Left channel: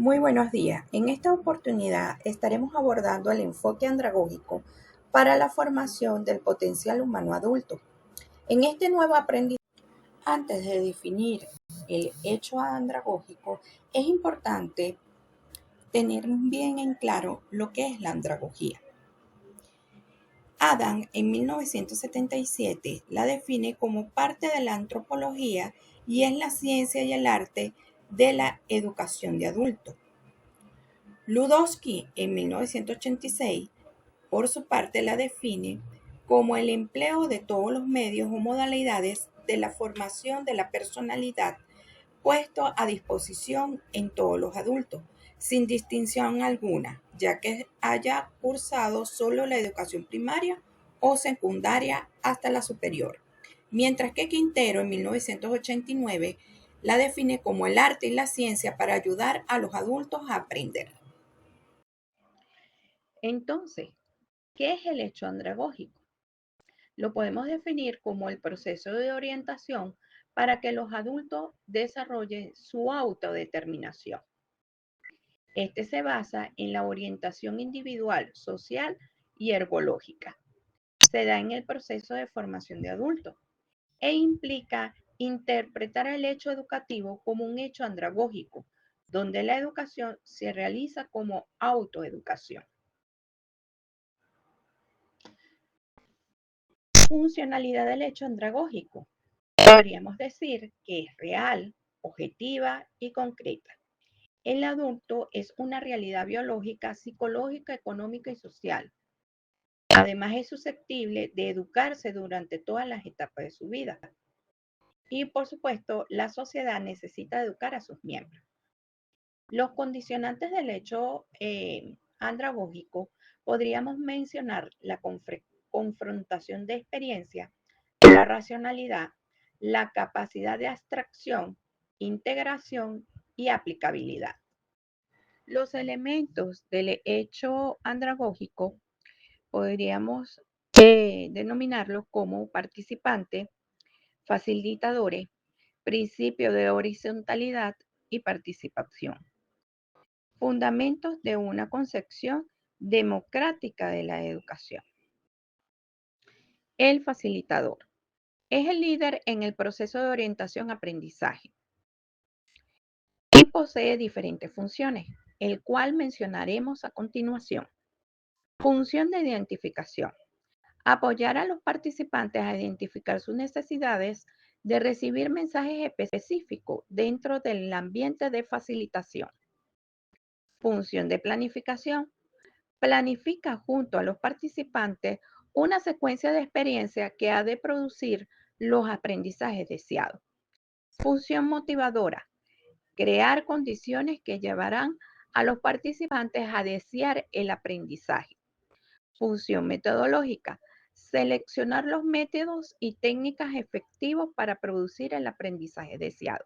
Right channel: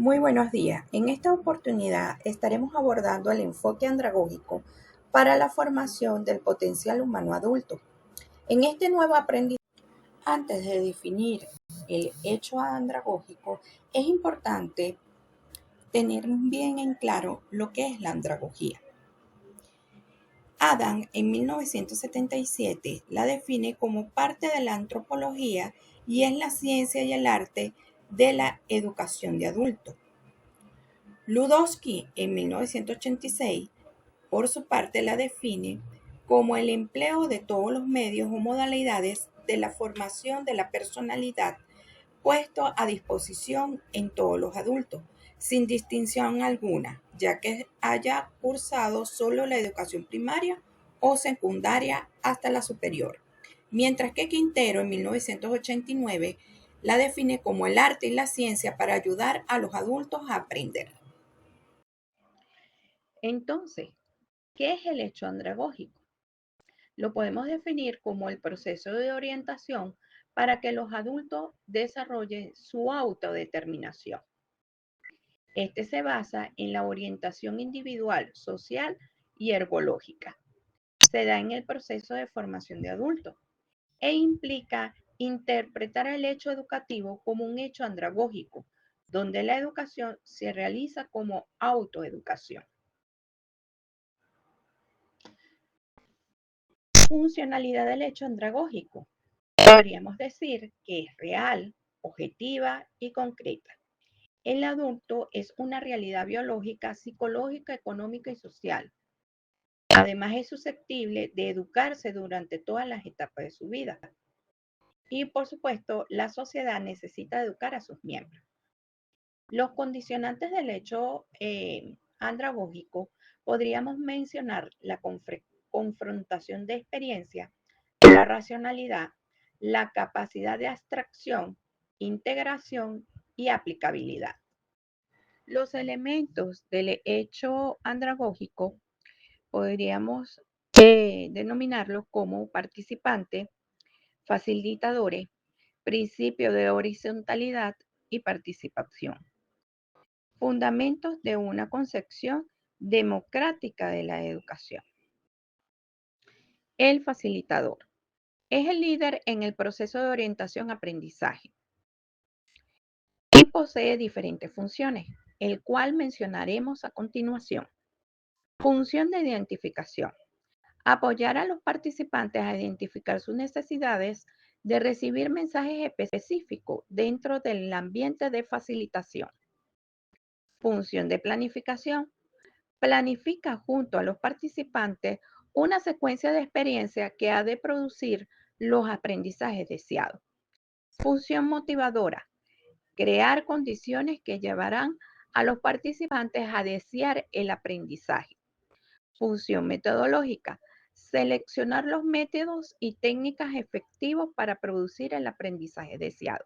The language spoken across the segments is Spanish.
Muy buenos días. En esta oportunidad estaremos abordando el enfoque andragógico para la formación del potencial humano adulto. En este nuevo aprendizaje, antes de definir el hecho andragógico, es importante tener bien en claro lo que es la andragogía. Adam en 1977 la define como parte de la antropología y es la ciencia y el arte de la educación de adultos. Ludowski, en 1986, por su parte, la define como el empleo de todos los medios o modalidades de la formación de la personalidad puesto a disposición en todos los adultos, sin distinción alguna, ya que haya cursado solo la educación primaria o secundaria hasta la superior. Mientras que Quintero, en 1989, la define como el arte y la ciencia para ayudar a los adultos a aprender. Entonces, ¿qué es el hecho andragógico? Lo podemos definir como el proceso de orientación para que los adultos desarrollen su autodeterminación. Este se basa en la orientación individual, social y ergológica. Se da en el proceso de formación de adultos e implica interpretar el hecho educativo como un hecho andragógico, donde la educación se realiza como autoeducación. Funcionalidad del hecho andragógico. Podríamos decir que es real, objetiva y concreta. El adulto es una realidad biológica, psicológica, económica y social. Además es susceptible de educarse durante todas las etapas de su vida. Y por supuesto, la sociedad necesita educar a sus miembros. Los condicionantes del hecho andragógico podríamos mencionar la confrontación de experiencia, la racionalidad, la capacidad de abstracción, integración y aplicabilidad. Los elementos del hecho andragógico podríamos denominarlos como participantes, facilitadores, principio de horizontalidad y participación. Fundamentos de una concepción democrática de la educación. El facilitador es el líder en el proceso de orientación-aprendizaje y posee diferentes funciones, el cual mencionaremos a continuación. Función de identificación. Apoyar a los participantes a identificar sus necesidades de recibir mensajes específicos dentro del ambiente de facilitación. Función de planificación. Planifica junto a los participantes una secuencia de experiencias que ha de producir los aprendizajes deseados. Función motivadora. Crear condiciones que llevarán a los participantes a desear el aprendizaje. Función metodológica. Seleccionar los métodos y técnicas efectivos para producir el aprendizaje deseado.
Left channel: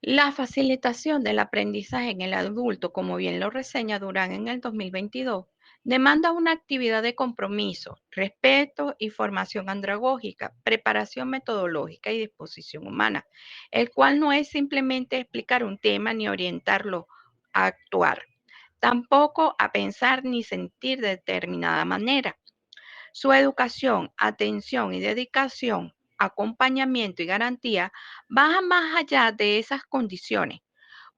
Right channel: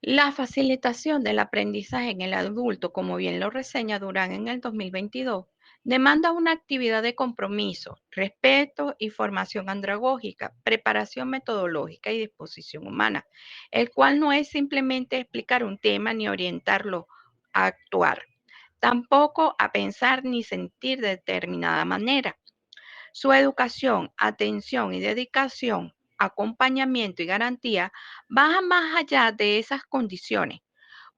La facilitación del aprendizaje en el adulto, como bien lo reseña Durán en el 2022, demanda una actividad de compromiso, respeto y formación andragógica, preparación metodológica y disposición humana, el cual no es simplemente explicar un tema ni orientarlo a actuar, tampoco a pensar ni sentir de determinada manera. Su educación, atención y dedicación, acompañamiento y garantía van más allá de esas condiciones,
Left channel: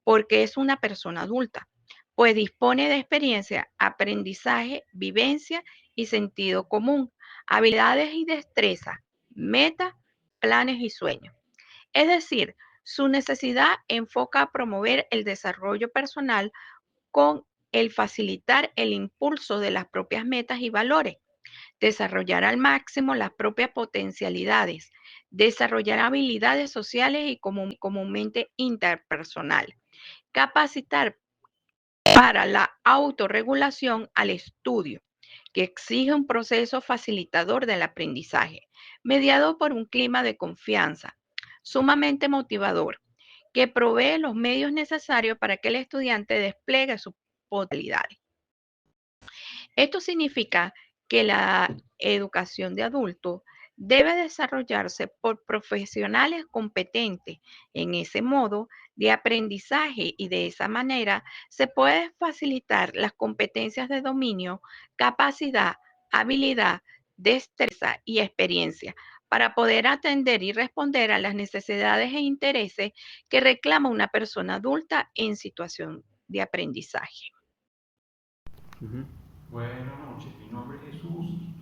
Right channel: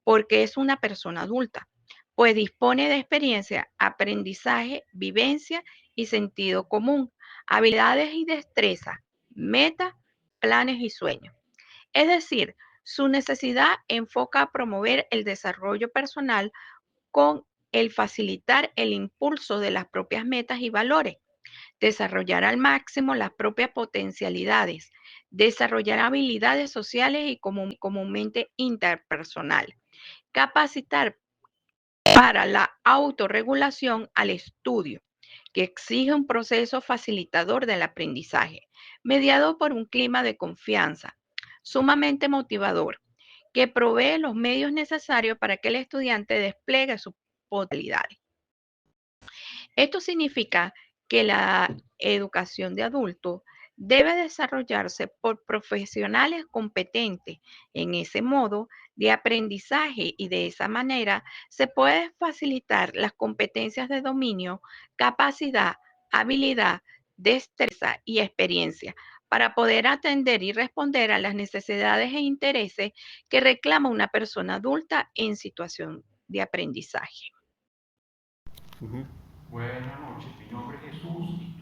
porque es una persona adulta, pues dispone de experiencia, aprendizaje, vivencia y sentido común, habilidades y destrezas, metas, planes y sueños. Es decir, su necesidad enfoca a promover el desarrollo personal con el facilitar el impulso de las propias metas y valores, desarrollar al máximo las propias potencialidades, desarrollar habilidades sociales y comúnmente interpersonales, capacitar para la autorregulación al estudio, que exige un proceso facilitador del aprendizaje, mediado por un clima de confianza, sumamente motivador, que provee los medios necesarios para que el estudiante despliegue sus potencialidades. Esto significa que la educación de adultos debe desarrollarse por profesionales competentes. En ese modo, de aprendizaje y de esa manera se puede facilitar las competencias de dominio, capacidad, habilidad, destreza y experiencia para poder atender y responder a las necesidades e intereses que reclama una persona adulta en situación de aprendizaje. Buenas noches, mi nombre es Jesús y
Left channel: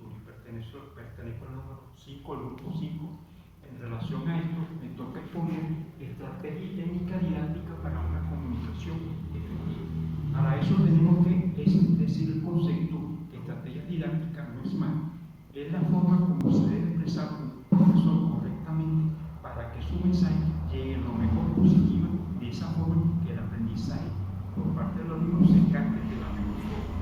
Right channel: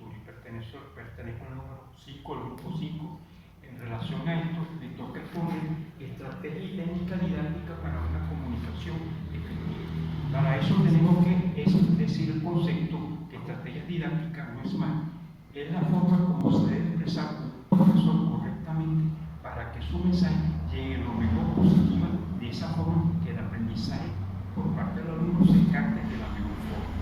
pertenezco al número 5, al grupo 5. En relación a esto, me toca exponer estrategia y técnica didáctica para una comunicación efectiva. Para eso tenemos que decir el concepto que estrategia didáctica no es más, es la forma como se debe expresar un profesor correctamente para que su mensaje llegue lo mejor positiva, de esa forma que el aprendizaje por parte del alumno se capte de la mejor forma.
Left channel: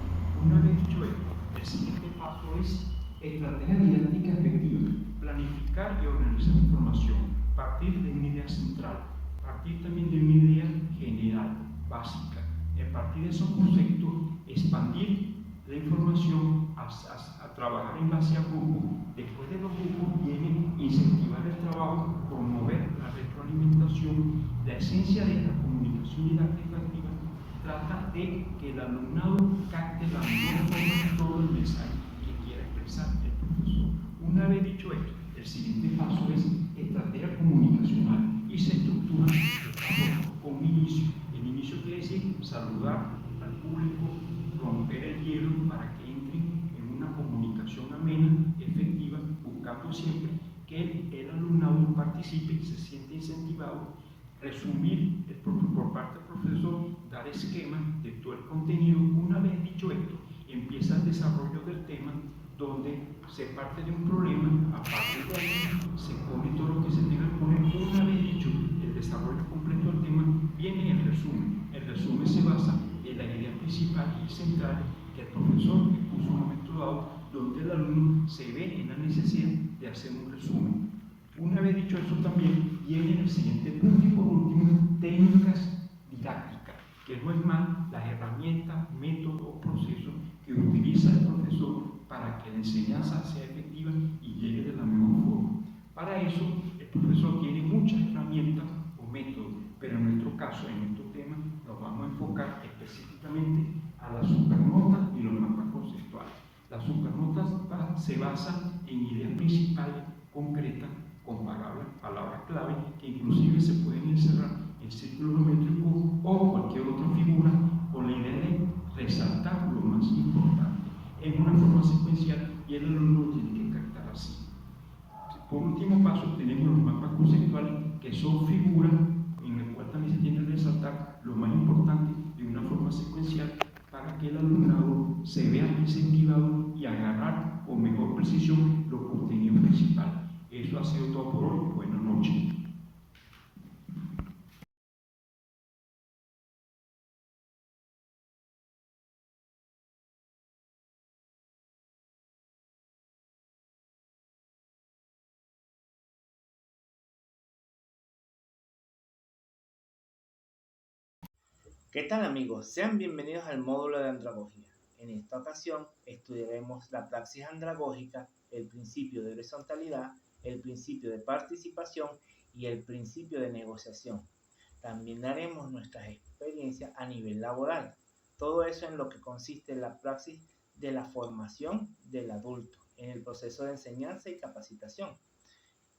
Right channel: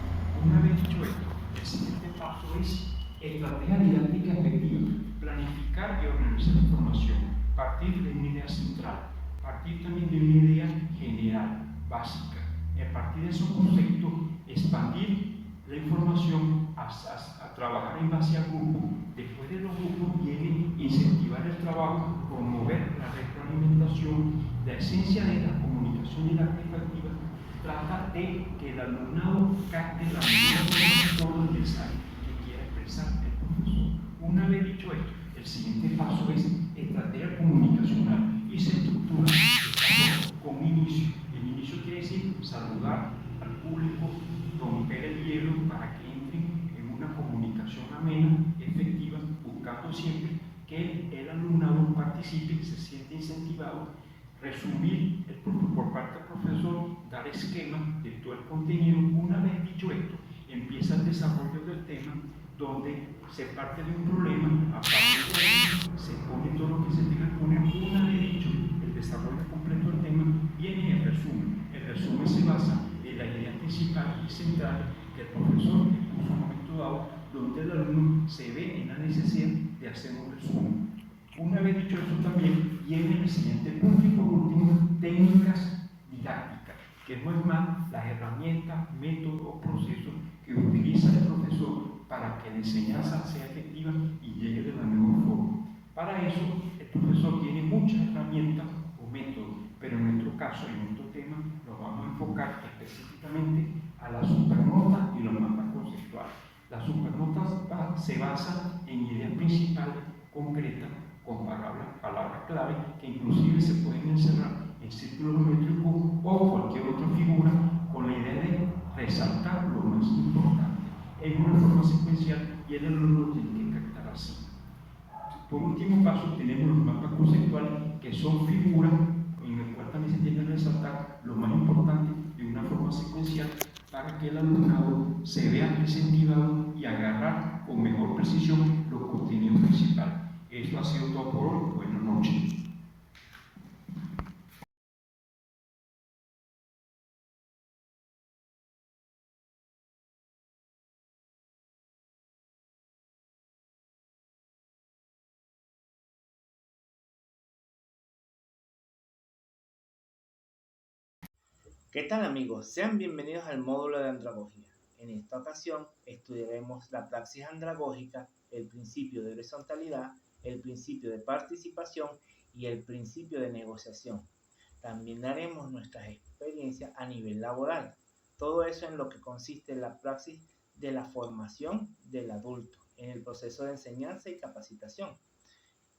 Una vez dicho esto, el siguiente paso es estrategia didáctica efectiva, planificar y organizar la información, partir de una idea central, partir también de una idea general, básica. A partir de esos conceptos, expandir la información a trabajar en base a grupos. Después de los grupos viene incentivar el trabajo, promover la retroalimentación. La esencia de la comunicación didáctica activa trata de que el alumnado capte la mejor forma de todo el mensaje que quiera expresar el profesor. Una vez dicho esto, el siguiente paso es estrategia comunicacional y se estructura con un inicio. El inicio quiere decir saludar al público, romper el hielo para que entren en una comunicación amena, efectiva, buscando siempre que el alumnado participe, se siente incentivado, resumir por parte del profesor, dar esquemas de todo el contenido. Una vez dicho esto, empieza el desarrollo del tema, donde se parte de un problema, a partir de ahí se pone todo lo que se tenga que poner. Una vez dicho el desarrollo completo del tema, viene el resumen. El resumen se basa en la idea principal y central que el profesor puso en un momento dado, donde el alumno se ve en la necesidad de hacer un resumen. Una vez dicho eso, también viene el siguiente punto y por último, técnicas didácticas, que no es más las herramientas, métodos o procesos que utiliza el profesor para que la enseñanza sea efectiva y llegue de la mejor forma. Para eso, el profesor tiene muchas herramientas o métodos, pero en nuestro caso, en nuestro tema, nos vamos a enfocar específicamente a las supernotas y los mapas conceptuales. Las supernotas se basan en ideas principales, concretas, con palabras clave, que inclusive se pueden encerrar en círculos geométricos o cualquier otra figura, con la idea de resaltar lo más importante en una forma secuencial, y el alumno lo tiene que captar así. Por último paso, tenemos los mapas conceptuales, que son figuras en las cuales también se tiene que resaltar lo más importante de una forma secuencial para que el alumnado se vea incentivado y agarrar con mejor precisión los contenidos principales. Eso ha sido todo por hoy. Buenas noches. ¿Qué tal amigos? Sean bienvenidos al módulo de andragogía. En esta ocasión estudiaremos la praxis andragógica, el principio de horizontalidad, el principio de participación y el principio de negociación. También haremos nuestras experiencias a nivel laboral. Todo eso en lo que consiste la praxis de la formación del adulto en el proceso de enseñanza y capacitación.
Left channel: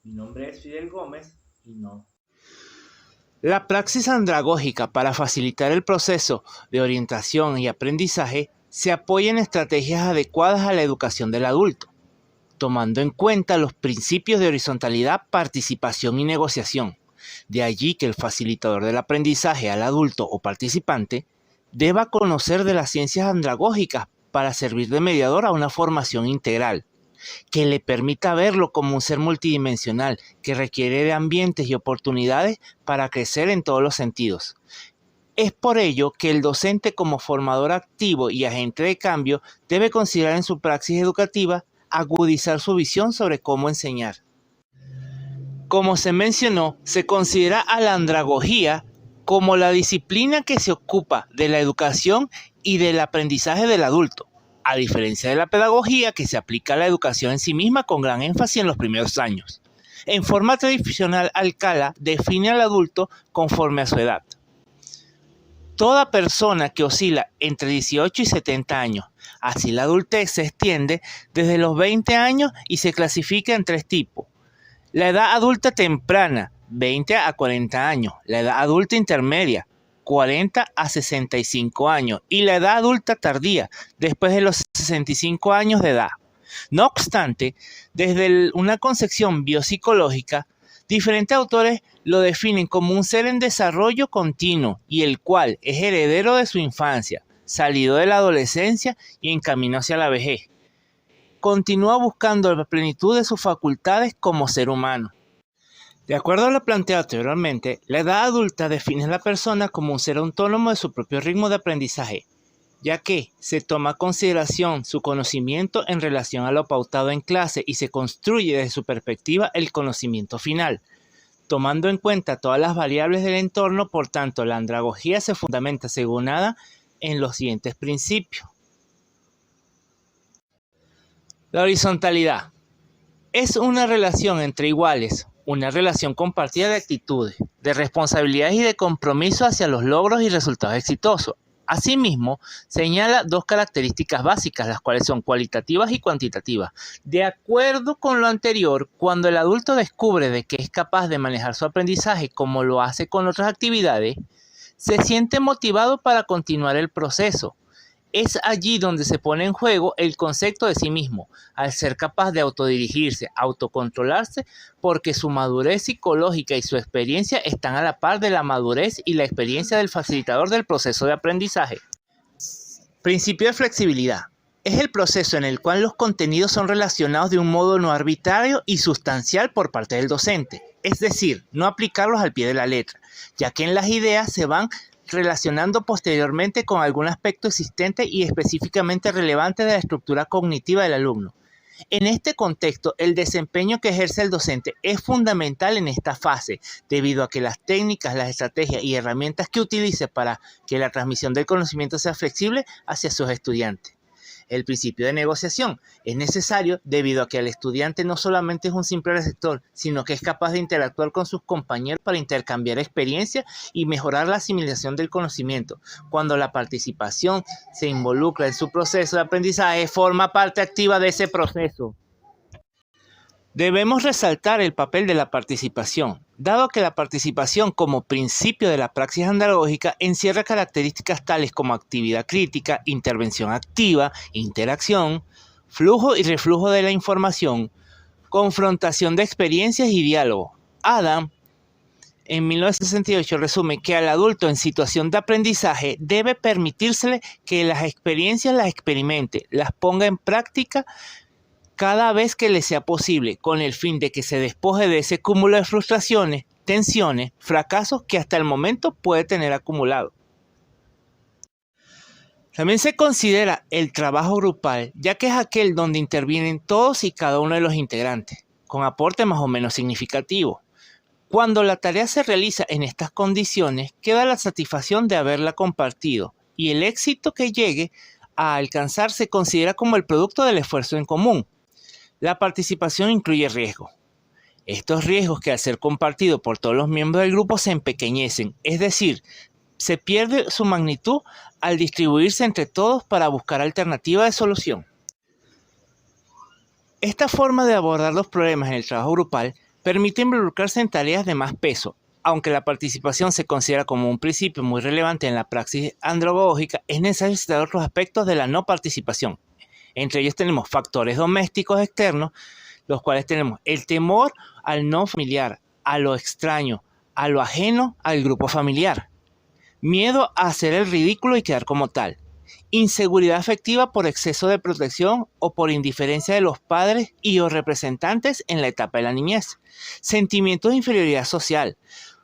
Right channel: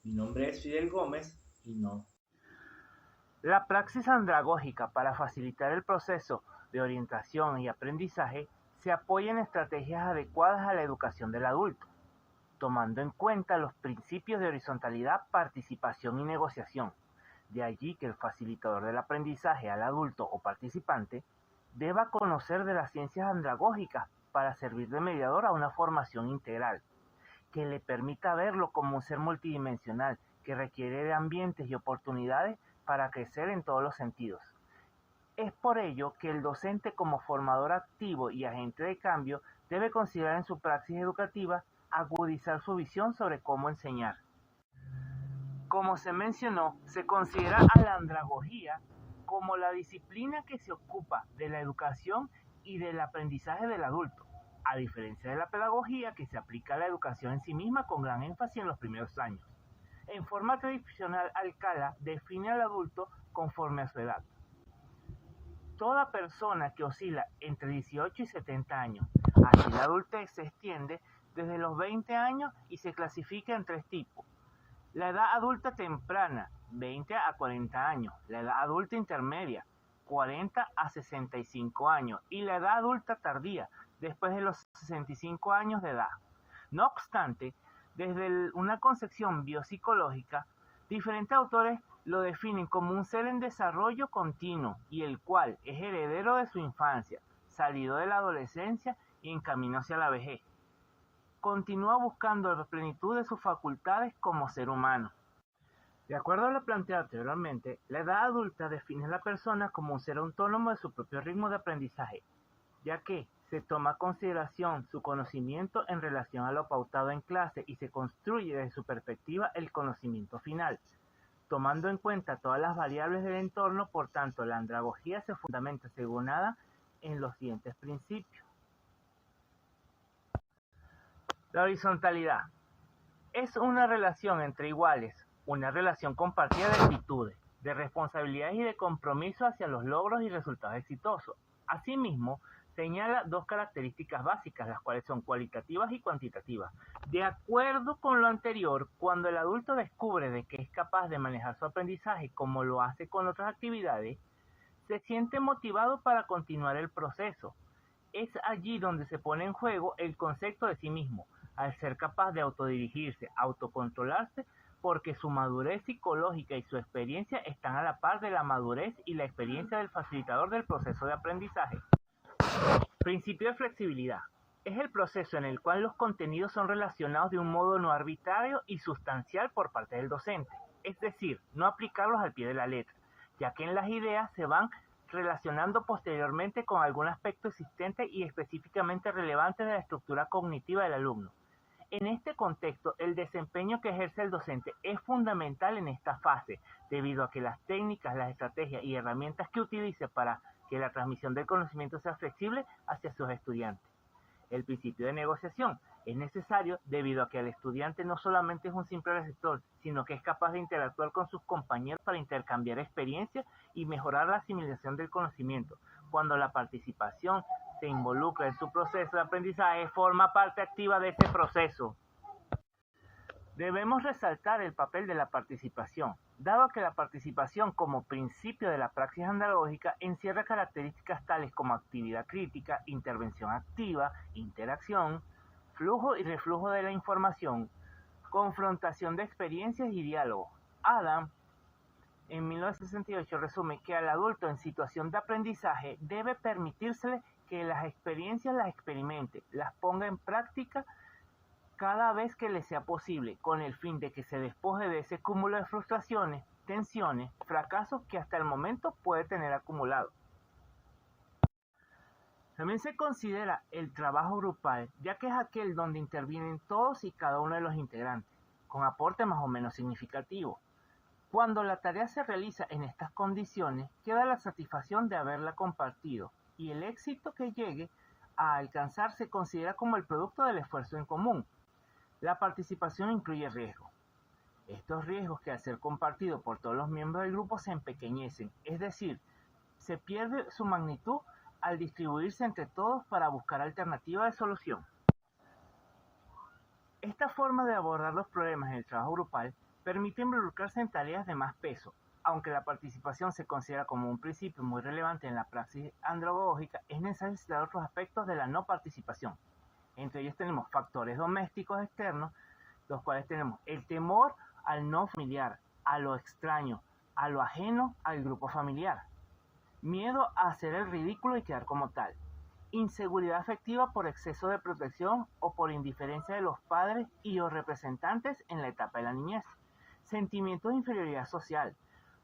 Mi nombre es Fidel Gómez y no. La praxis andragógica para facilitar el proceso de orientación y aprendizaje se apoya en estrategias adecuadas a la educación del adulto, tomando en cuenta los principios de horizontalidad, participación y negociación. De allí que el facilitador del aprendizaje al adulto o participante deba conocer de las ciencias andragógicas para servir de mediador a una formación integral, que le permita verlo como un ser multidimensional que requiere de ambientes y oportunidades para crecer en todos los sentidos. Es por ello que el docente, como formador activo y agente de cambio, debe considerar en su praxis educativa agudizar su visión sobre cómo enseñar. Como se mencionó, se considera a la andragogía como la disciplina que se ocupa de la educación y del aprendizaje del adulto, a diferencia de la pedagogía, que se aplica a la educación en sí misma con gran énfasis en los primeros años. En forma tradicional, Alcala define al adulto conforme a su edad. Toda persona que oscila entre 18 y 70 años. Así la adultez se extiende desde los 20 años y se clasifica en 3 tipos. La edad adulta temprana, 20 a 40 años. La edad adulta intermedia, 40 a 65 años. Y la edad adulta tardía, después de los 65 años de edad. No obstante, desde una concepción biopsicológica, diferentes autores lo definen como un ser en desarrollo continuo y el cual es heredero de su infancia, salido de la adolescencia y en camino hacia la vejez. Continúa buscando la plenitud de sus facultades como ser humano. De acuerdo a lo planteado anteriormente, la edad adulta define a la persona como un ser autónomo de su propio ritmo de aprendizaje, ya que se toma en consideración su conocimiento en relación a lo pautado en clase y se construye desde su perspectiva el conocimiento final, tomando en cuenta todas las variables del entorno. Por tanto, la andragogía se fundamenta según Adam en los siguientes principios. La horizontalidad es una relación entre iguales, una relación compartida de actitudes, de responsabilidades y de compromiso hacia los logros y resultados exitosos. Asimismo, señala 2 características básicas, las cuales son cualitativas y cuantitativas. De acuerdo con lo anterior, cuando el adulto descubre de que es capaz de manejar su aprendizaje como lo hace con otras actividades, se siente motivado para continuar el proceso. Es allí donde se pone en juego el concepto de sí mismo, al ser capaz de autodirigirse, autocontrolarse, porque su madurez psicológica y su experiencia están a la par de la madurez y la experiencia del facilitador del proceso de aprendizaje. Principio de flexibilidad. Es el proceso en el cual los contenidos son relacionados de un modo no arbitrario y sustancial por parte del docente, es decir, no aplicarlos al pie de la letra, ya que en las ideas se van relacionando posteriormente con algún aspecto existente y específicamente relevante de la estructura cognitiva del alumno. En este contexto, el desempeño que ejerce el docente es fundamental en esta fase, debido a que las técnicas, las estrategias y herramientas que utilice para que la transmisión del conocimiento sea flexible hacia sus estudiantes. El principio de negociación es necesario debido a que el estudiante no solamente es un simple receptor, sino que es capaz de interactuar con sus compañeros para intercambiar experiencias y mejorar la asimilación del conocimiento. Cuando la participación se involucra en su proceso de aprendizaje, forma parte activa de ese proceso. Debemos resaltar el papel de la participación, dado que la participación como principio de la praxis andragógica encierra características tales como actividad crítica, intervención activa, interacción, flujo y reflujo de la información, confrontación de experiencias y diálogo. Adam, en 1968, resume que al adulto en situación de aprendizaje debe permitírsele que las experiencias las experimente, las ponga en práctica cada vez que le sea posible, con el fin de que se despoje de ese cúmulo de frustraciones, tensiones, fracasos que hasta el momento puede tener acumulado. También se considera el trabajo grupal, ya que es aquel donde intervienen todos y cada uno de los integrantes, con aporte más o menos significativo. Cuando la tarea se realiza en estas condiciones, queda la satisfacción de haberla compartido, y el éxito que llegue a alcanzar se considera como el producto del esfuerzo en común. La participación incluye riesgos. Estos riesgos que al ser compartidos por todos los miembros del grupo se empequeñecen, es decir, se pierde su magnitud al distribuirse entre todos para buscar alternativas de solución. Esta forma de abordar los problemas en el trabajo grupal permite involucrarse en tareas de más peso. Aunque la participación se considera como un principio muy relevante en la praxis andragógica, es necesario citar otros aspectos de la no participación. Entre ellos tenemos factores domésticos externos, los cuales tenemos el temor al no familiar, a lo extraño, a lo ajeno al grupo familiar. Miedo a hacer el ridículo y quedar como tal. Inseguridad afectiva por exceso de protección o por indiferencia de los padres y o representantes en la etapa de la niñez. Sentimientos de inferioridad social.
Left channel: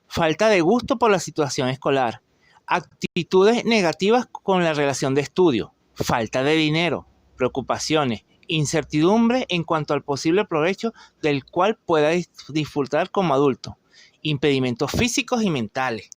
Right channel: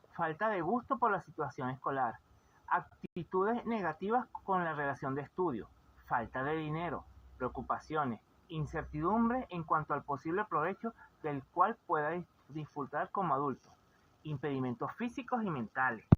Falta de gusto por la situación escolar. Actitudes negativas con la relación de estudio. Falta de dinero. Preocupaciones, incertidumbre en cuanto al posible provecho del cual pueda disfrutar como adulto, impedimentos físicos y mentales.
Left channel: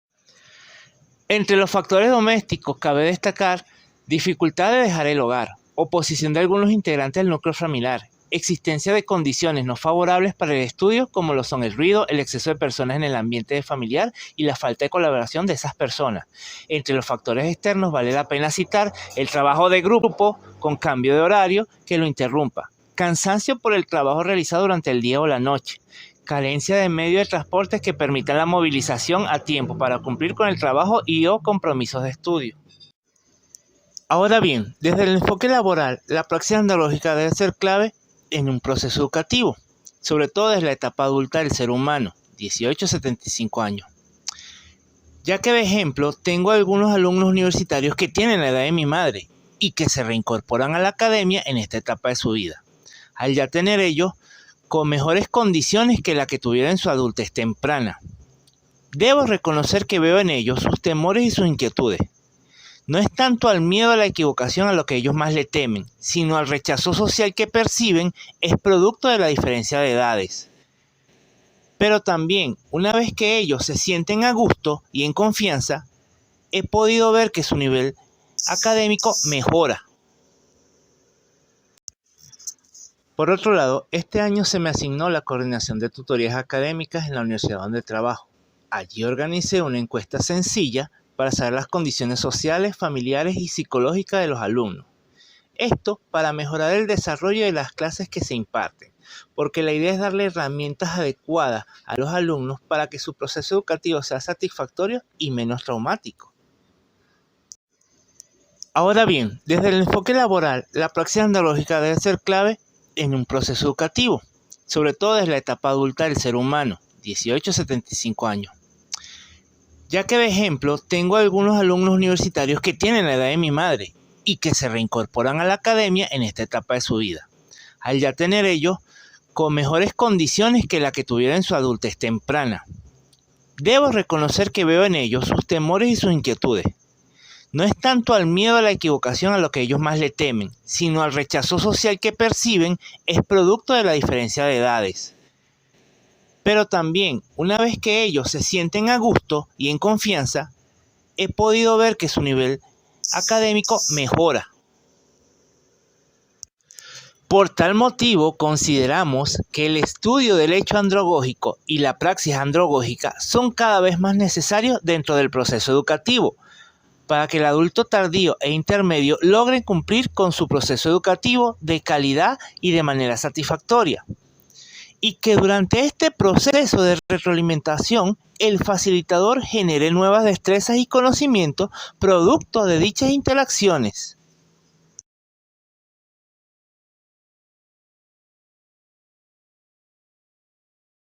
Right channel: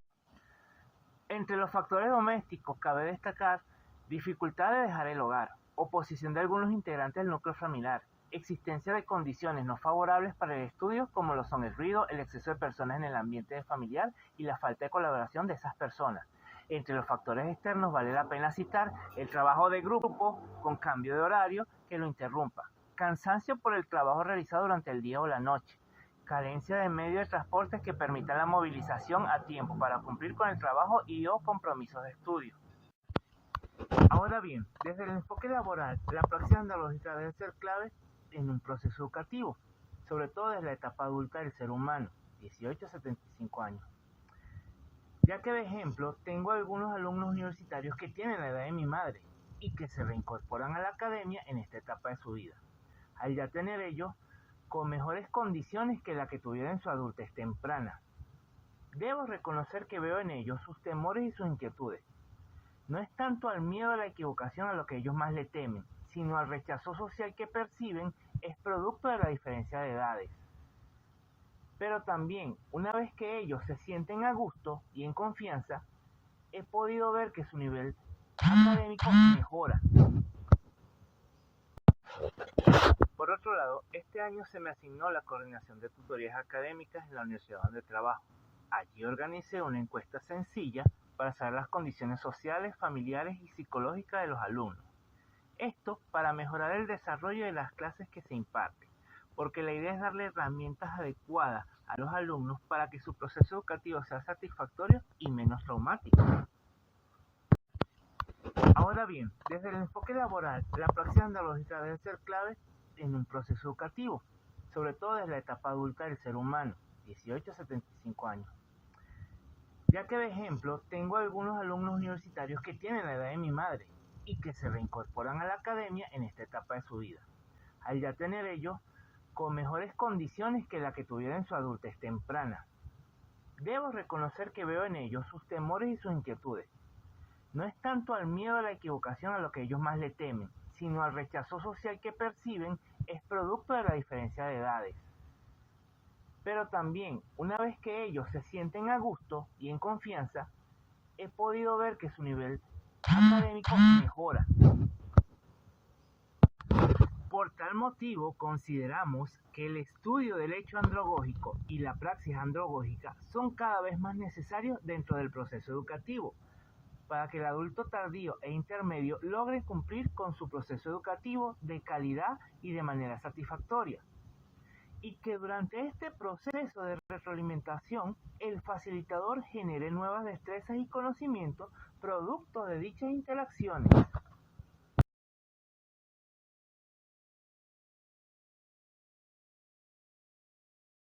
Entre los factores domésticos cabe destacar dificultad de dejar el hogar, oposición de algunos integrantes del núcleo familiar, existencia de condiciones no favorables para el estudio, como lo son el ruido, el exceso de personas en el ambiente familiar y la falta de colaboración de esas personas. Entre los factores externos vale la pena citar el trabajo de grupo con cambio de horario que lo interrumpa, cansancio por el trabajo realizado durante el día o la noche, carencia de medios de transporte que permitan la movilización a tiempo para cumplir con el trabajo y o compromisos de estudio. Ahora bien, desde el enfoque laboral, la praxis andrológica debe ser clave en un proceso educativo, sobre todo desde la etapa adulta del ser humano, 18 a 75 años. Ya que de ejemplo, tengo algunos alumnos universitarios que tienen la edad de mi madre y que se reincorporan a la academia en esta etapa de su vida, al ya tener ellos con mejores condiciones que la que tuvieron en su adultez temprana. Debo reconocer que veo en ellos sus temores y sus inquietudes. No es tanto al miedo a la equivocación a lo que ellos más le temen, sino al rechazo social que perciben es producto de la diferencia de edades. Pero también, una vez que ellos se sienten a gusto y en confianza, he podido ver que su nivel académico mejora. Por otro lado, este año se me asignó la coordinación de tutorías académicas en la universidad donde trabajo. Allí organicé una encuesta sencilla para saber las condiciones sociales, familiares y psicológicas de los alumnos. Esto para mejorar el desarrollo de las clases que se imparten, porque la idea es darle herramientas adecuadas a los alumnos para que su proceso educativo sea satisfactorio y menos traumático. Ahora bien, desde el enfoque laboral, la praxis andrológica debe ser clave en un proceso educativo, sobre todo desde la etapa adulta del ser humano, 18 a 75 años. Ya que de ejemplo, tengo algunos alumnos universitarios que tienen la edad de mi madre y que se reincorporan a la academia en esta etapa de su vida, al ya tener ellos con mejores condiciones que la que tuvieron en su adultez temprana. Debo reconocer que veo en ellos sus temores y sus inquietudes. No es tanto al miedo a la equivocación a lo que ellos más le temen, sino al rechazo social que perciben es producto de la diferencia de edades. Pero también, una vez que ellos se sienten a gusto y en confianza, he podido ver que su nivel académico mejora. Por tal motivo, consideramos que el estudio del hecho androgógico y la praxis androgógica son cada vez más necesarios dentro del proceso educativo, para que el adulto tardío e intermedio logren cumplir con su proceso educativo de calidad y de manera satisfactoria. Y que durante este proceso de retroalimentación, el facilitador genere nuevas destrezas y conocimientos producto de dichas interacciones.